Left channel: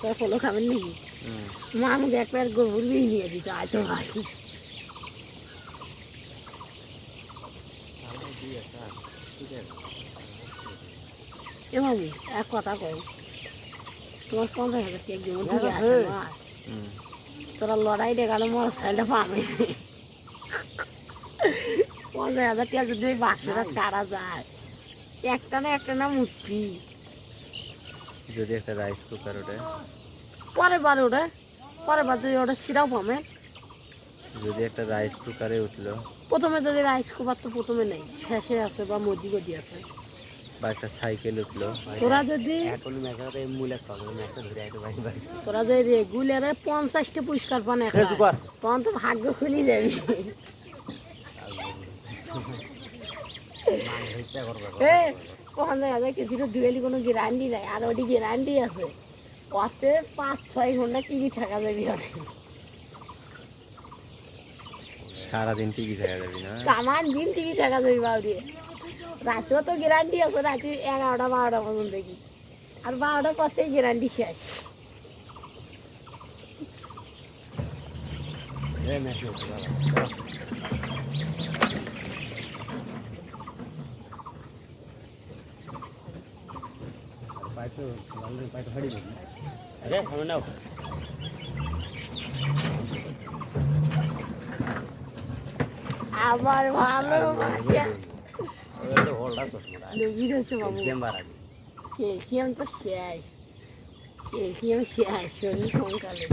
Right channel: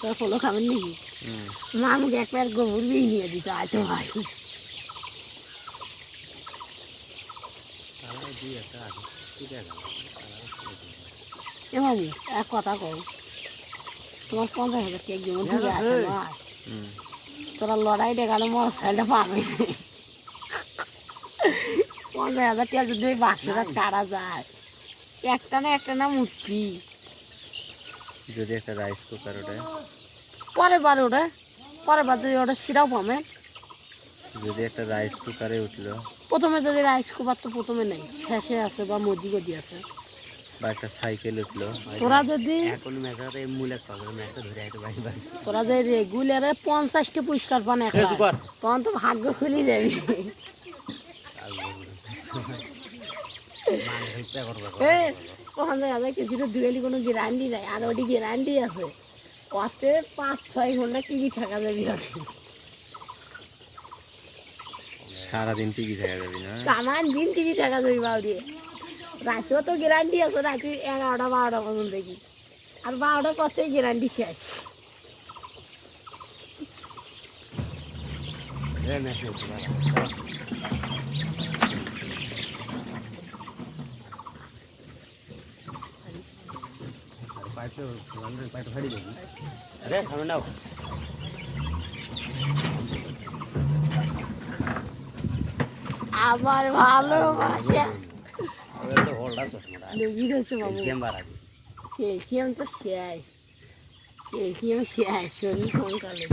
তোরা ফলো খাবেন নাকি? মা আমাকে একবার গোবর দিয়ে নিয়ে দিত আয়তো ভাই। এ বাবু এক কথা কই, তোমার 50,000 কেক দিব দূরে আসে না, তোরা লড়াই দেখালে মোর সাইডে পাবে। 50,000 টাকা যদি বাক্সটা কাটা যায়, একটা না মুটকি। যদি একটা রাইস কুকার ওঠে, পরের বার যদি ওটা সেটাও পাবে। যদি একটা রাইস কুকারে উঠলো, প্রথমে যদি রাইস কুকার তো প্রথমে নেই, শেষে আছে বা মধ্যি আছে, বা একটা সাইকেল উঠলো, তোরা যদি তোরা যদি রেগুলারে 50টা পুরস্কার পান, তখন তো ভাগ্য খুলি যাবি। কিছুটা দুয়েলি কোনো গ্যারান্টি নাই, আর ওটি গ্যারান্টি আছে, ওতে 5-6 ঘন্টা কি থাকা যাবি। সারাদিন টিভি দেখা যাবি না, টানান দিন টিভি থাকা যাবি বাবুরে। রাতেও তো গ্যারান্টি আছে, রাতে 11টা-12টা পর্যন্ত কি, আর 12টার পর থেকে গ্যারান্টি শেষ। আমার ভালোবাসা ক্যালসিয়াম তো শেষ, ক্যালসিয়াম শেষ, শরীর কঙ্কালে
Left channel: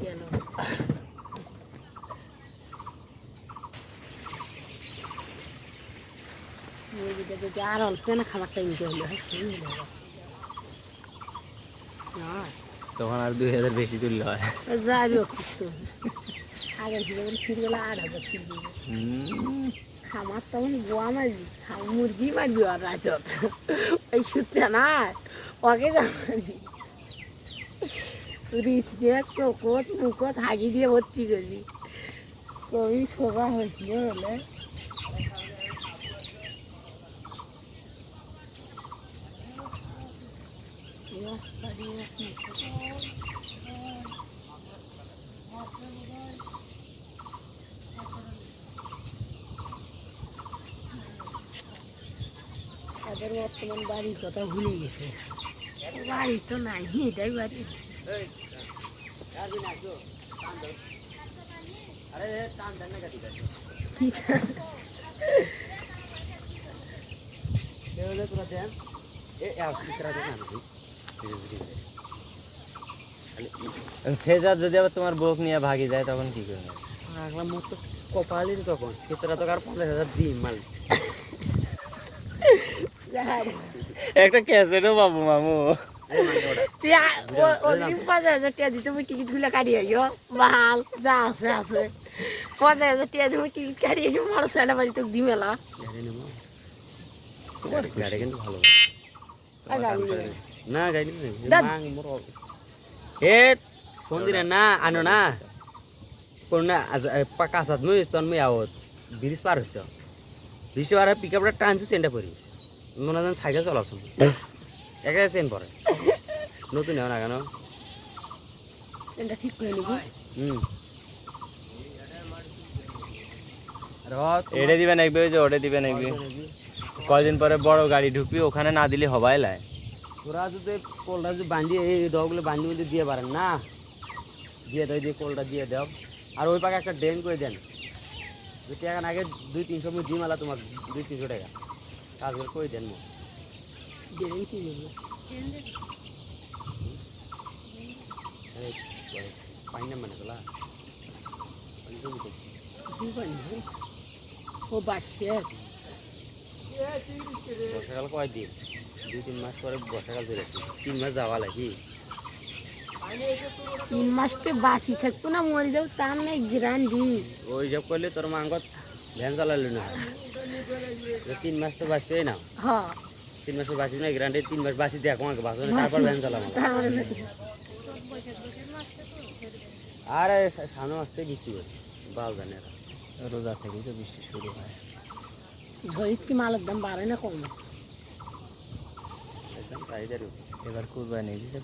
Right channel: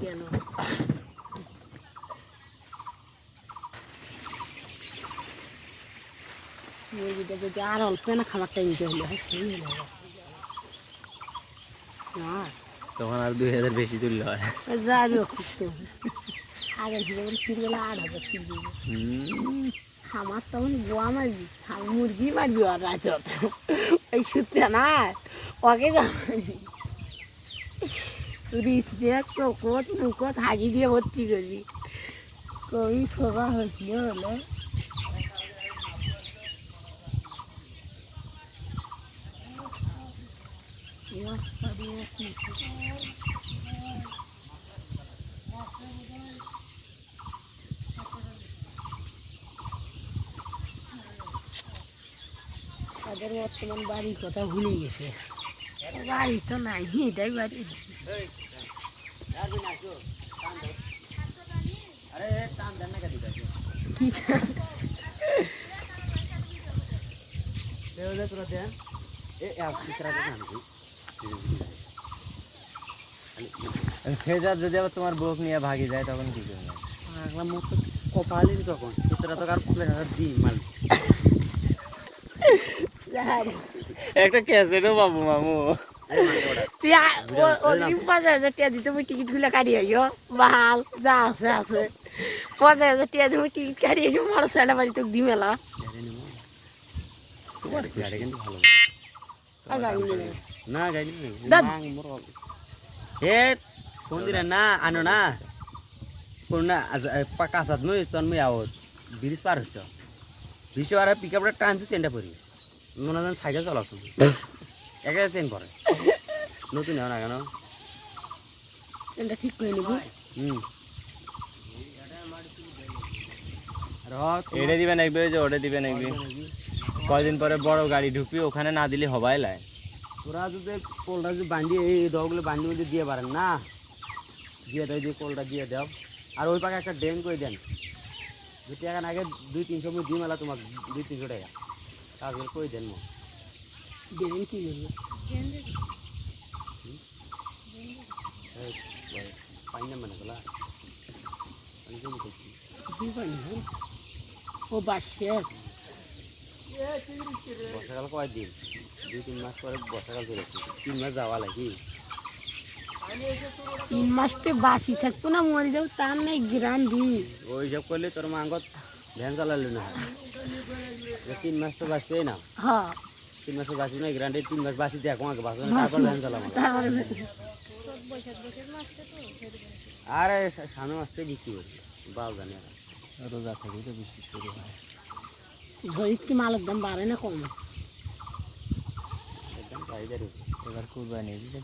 কেন? মুরগিটা যদি আর অল্প না খাবারটা নিতে হলে তখন আর 2,000 বেশি তুললে হয়। যাবি অসুস্থ আগের থেকে ফিরবেলা 8,000 ফিরবে। খামার তখন গোয়া মারবি, মুরগি মারবি আর রাজত ওই সূত্রে না ওকে যাবি রিস দিয়ে চোখত মুখত হাগি দিয়ে ভর্তি করবি। কবি সবার হয়েছিল হলে তাদের বর্তমান বাড়ির কথা ভুলে গেছে, বাড়ি তো নাই, এটাই বাড়ি। সেটা যদি আবার তোমার বউক নিয়ে ভাগি যায় তখন কি করবে? কপালিন তখন সেটা তো আর 50,000 দিন মাল একটা ক্যাসেটও পাবো মামু। দিতে টিকিট গুলো কাটিয়ে মাল যা আছে আছে 50,000 টাকা তুমি টিকিট কাটিয়ে মার সাইডা বাড়ি তোকে দিই মেলা না গাড়ি এ ফোন দিলে না আনো না কোন না কাঁচাত মুই তখন মুই আওত ব্রিজ পার হইছ, ব্রিজ পার পিক আপটা টানছো চেনটা পড়ে গেছে, মনে হয় সাইকেল চলাছো একা চেন পরে নতুন না কেন চেনটা ঠিক করে নেবো। এটা দিবে নাকবে যে ওটা দিবে নাকবে, কয়দিন পরে বড় গাড়ি ঢুকবি ওখানে না দিলে হবাই লাই। তোরা যদি কোলটা যদি বাঁধিয়ে এই দগুলো বাঁধিয়ে মধ্যে দিয়ে পারেন না, দিয়ে দেয় দিয়ে কোলটা দিয়ে দাও, আর ওই পাকে একটা ড্রেন করে দেন, যদি এখন আগে 200-300 মিনিট দিয়ে মেলা তোমার 200-300 টাকা কাজ করে দেন। পাই না মানে তোলা ও বাসে বর্ষাকাল কয়দিন 2-3 মাস পরে বর্ষাকাল চলে আসবে, 3 মাস যাওয়া লাগে, 3 মাস তো বাসি থাকবো না, মরে যাবো তার নাই গ্যারান্টি। ওই সব করলে তোর মাঙ্গত ভ্যান চালালো না, 3 মাস তো বাঁচবেই না। হ্যাঁ 3 মাস বাঁচি না গ্যারান্টি, 3 মাস বাঁচি দেখ আমাকে বাঁচবে না, তারপর ভ্যান চালাবো। আরে সামনে আসতে বৃষ্টি হচ্ছে বাল জানে, রোজা থেকে তো বৃষ্টি শুরু হয়। ঝড়ির কি মালের দাম বাড়ে না কমে? চাহিদার উপর এবার কুরবানি দিতে